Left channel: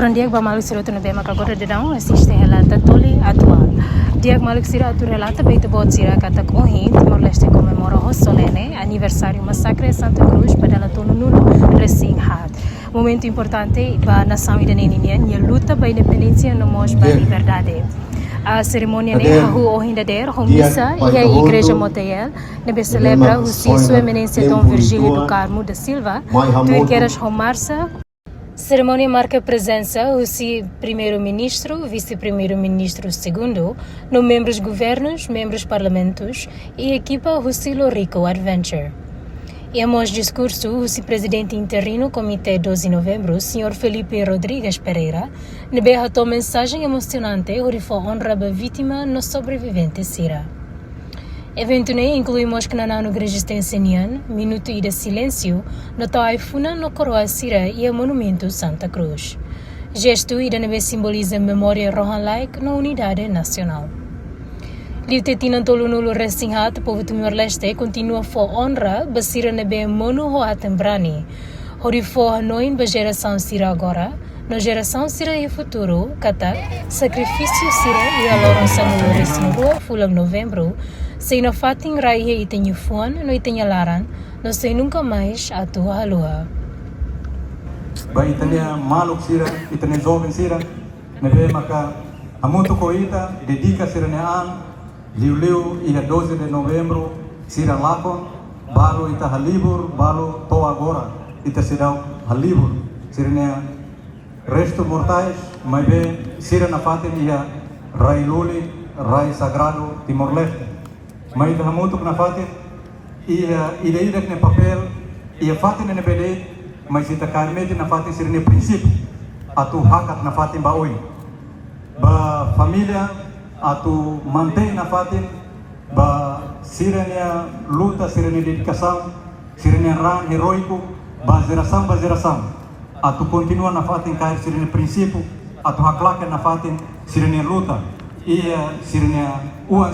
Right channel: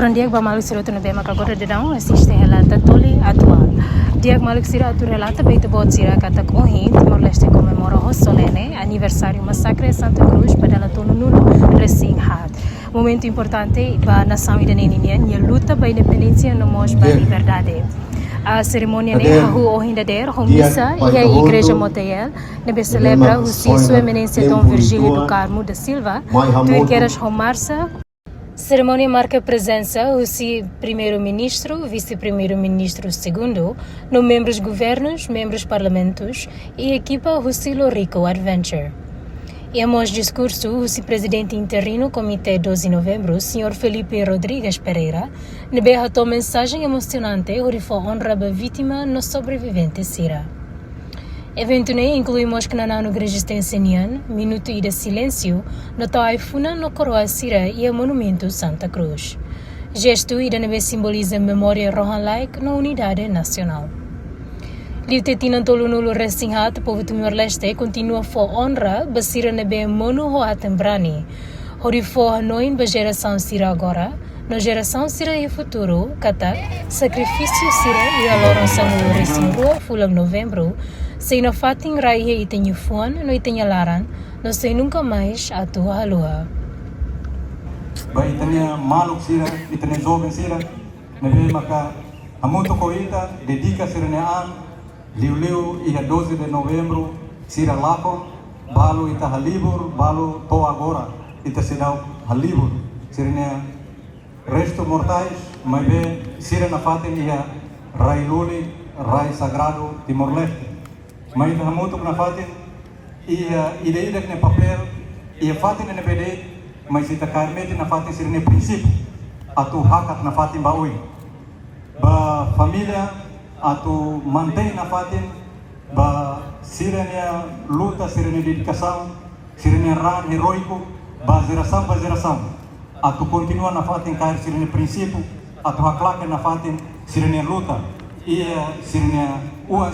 Orang dia ba maluk sira tu na bema ka gora de dão assiste relata tole atual. Dia maluk sira tu relata beito bot sira kata ohin Timor-Leste comemora o solene aniversário massacre Santa Cruz padala tonu nulo resinhat. Momento importante ba nação iranenia e luta ba independência no mos ba liberdade. A cerimônia ne hahu ohindader homissa e a igreja Motel nebe celebra o sua eminência Dom Virgílio do Carmo da Silva tu queres romarsa. Cerimônia marca a presença do primeiro-ministro, vice-primeiro-ministro segundo, no membros governos, membros parlamentos e equipa do Silo Rico Adventure. E após discurso, o presidente interino Comitê 12 de novembro, Sr. Felipe Rodrigues Pereira, rebateu mensagem emocionante que honra a vítima no sobrevivente Sira. Evento ne incluímos que na no resistência nian, minuto de silêncio, no taifuna no coroa Sira e o monumento Santa Cruz. Gesto ida nebe simboliza a memória rohan like na unidade nacional. Liutetina tolunulo resinhat povo Timor-Leste continua fo honra basira nebe monu hoatem brani. Hori fo hanoin ba geração Sira agora, na geração Sira e futuro, kata sacrifício Sira e a lorança no resinrua fulang novembro, sem na fating raihe itenho fuan no itenho laran, não sei nunca mais a tua lua. Vai itenho maluk Sira, itenho jovem Sira, nebe maka amutu koita dedica Sira nean, liu ida 12 de novembro Sira lako, balo ita halibur, balo to agora, ita Sira halibur, Sira nean resto mortais, mas bem Sira na fating ia rai luli, rai sagrado Timor-Leste. Mas na muito na fatin ia ida ne papel ia fatin ne bede mas ita karmete na fatin ser ne princípio atu hakat na fatin baoi ba família atu mantém na fatin ba sirene luta sirene dedicação sirene ran heroico ba geração atu continua na fatin cair sirene princípio atu haklak na fatin sirene luta ia sirene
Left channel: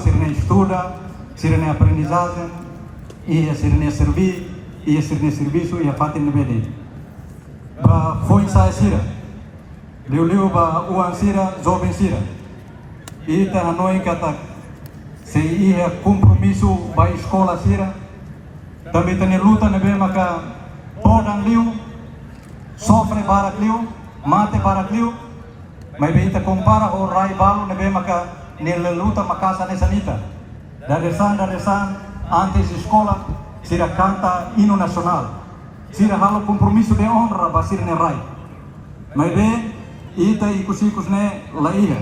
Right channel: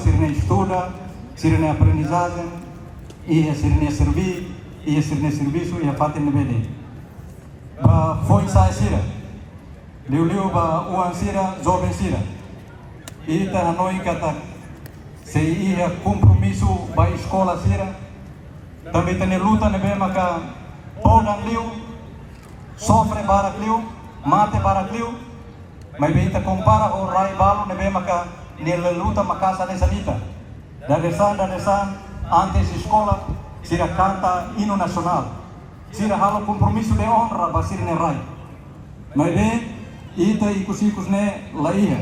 sirene estuda sirene aprendizagem, e sirene servir, e sirene serviço e a fatin de mede. Foi sai Sira, liu ba uang Sira, jovem Sira. E tá na noi kata se ia compromisso ba escola Sira, também tem luta ne bem maka ponan liu, sofre para liu, mate para liu, mas bem te compara com rai ba ne bem maka ne luta makasa ne sanita. Dari sana, antes escola, Sira canta hino nacional. Sira hal compromisso de honra ba Sira ne rai. Mas bem, ita ikusikos ne laiha.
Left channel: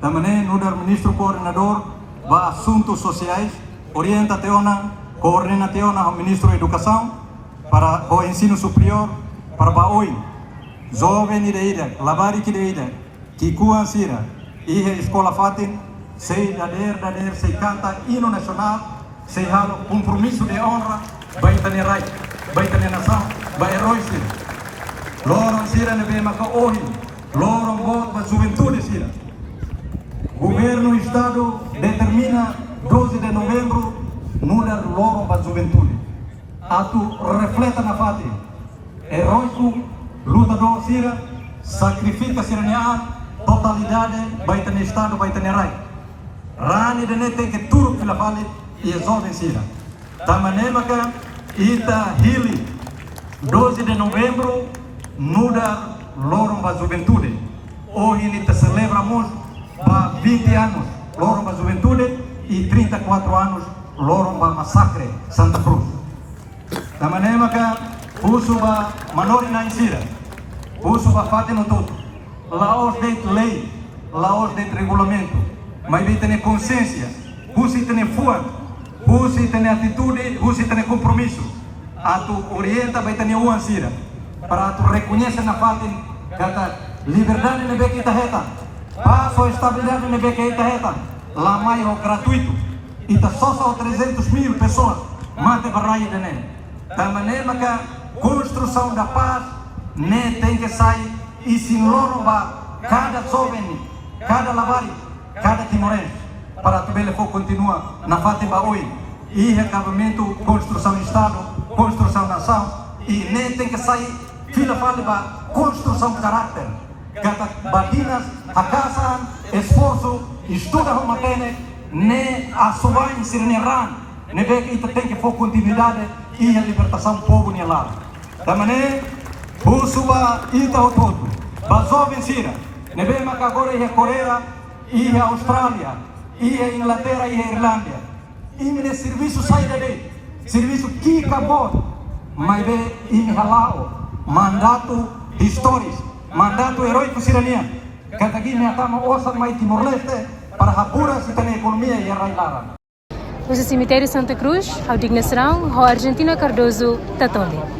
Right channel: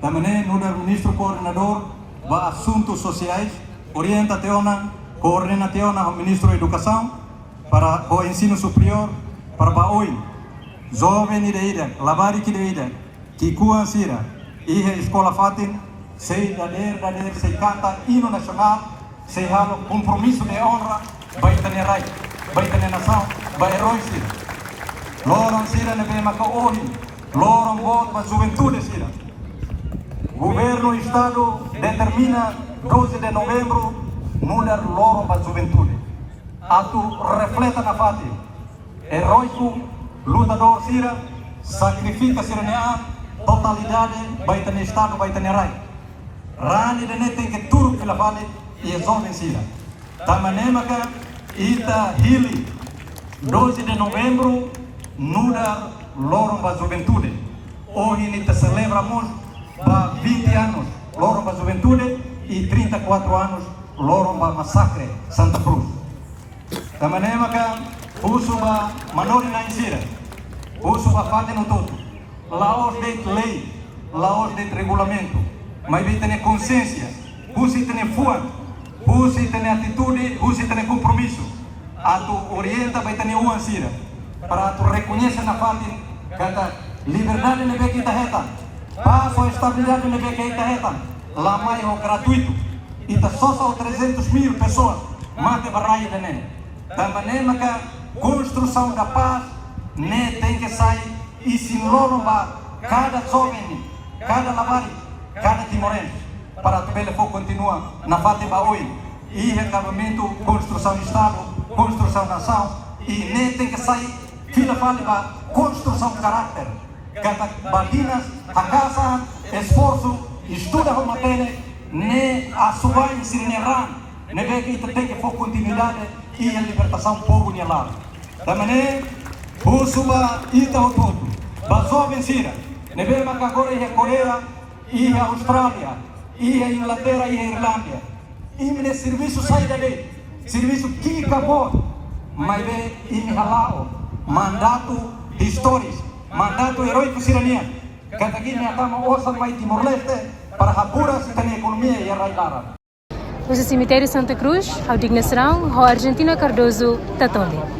Tamane nudar ministro coordenador ba assuntos sociais, orienta teona, coordena teona ao ministro educação para o ensino superior para ba oi. Jovem ida, labari ida, que kuan Sira, ihe escola fatin sei dader, sei canta hino nacional, sei halo compromisso de honra, vai tane rai, vai tane nação, vai herói Sira. Lorong Sira ne bem maka ohi, lorong bot ba juventude Sira. Governo Estado determina 12 de novembro mudar lorong ba juventude. Atu refleta na fati, heróico, lutador Sira, sacrifica Sira nea, totalidade, vai tane Estado, vai tane rai. Rani dene tem que tudo que vale e resolve Sira. Da maneira que ita hili 12 de novembro muda lorong ba juventude. Hoje ele celebramos ba 20 anos lorong ba juventude e 34 anos lorong ba massacre Santa Cruz. Da maneira que uso ba manori na Sira. Uso ba fate no todo. Laos de lei, laos de regulamento. Mas bem ter consciência, você tem fua, você tem atitude, você tem compromisso. A tu orienta vai ter uma Sira, para tu reconhecer na parte que liberdade não é que está reta, passo a estabilidade não é que está reta, lá mais é gratuito, e está só 300 mil pessoas, mate barraia de nele. Da maneira que construção da paz, né tem que sair e se morba cada jovem, cada labari. Cada timorense, para que ele for continuar na Fátima hoje, e recabamento, construção de Estado, construção da nação, e nem tem que sair, filha Fátima, construção de caráter, cada estuda como tem, nem a sua ensinação, nem vê que tem que focar continuidade e a libertação pouco nem lá. Da maneira, o sua ita o todo, basou vencida, nem vê que agora é a Coreia e a Austrália, e a Inglaterra e a Irlanda, e me serviço sai dele, serviço que acabou, mas vê e halako, mandato de histórias, mandato heróico sirania. Kata gini akan osa mai Timor-Leste para apurar a economia e arraigar. O cemitério Santa Cruz, ao dignação, a Argentina Cardoso, Tatoli.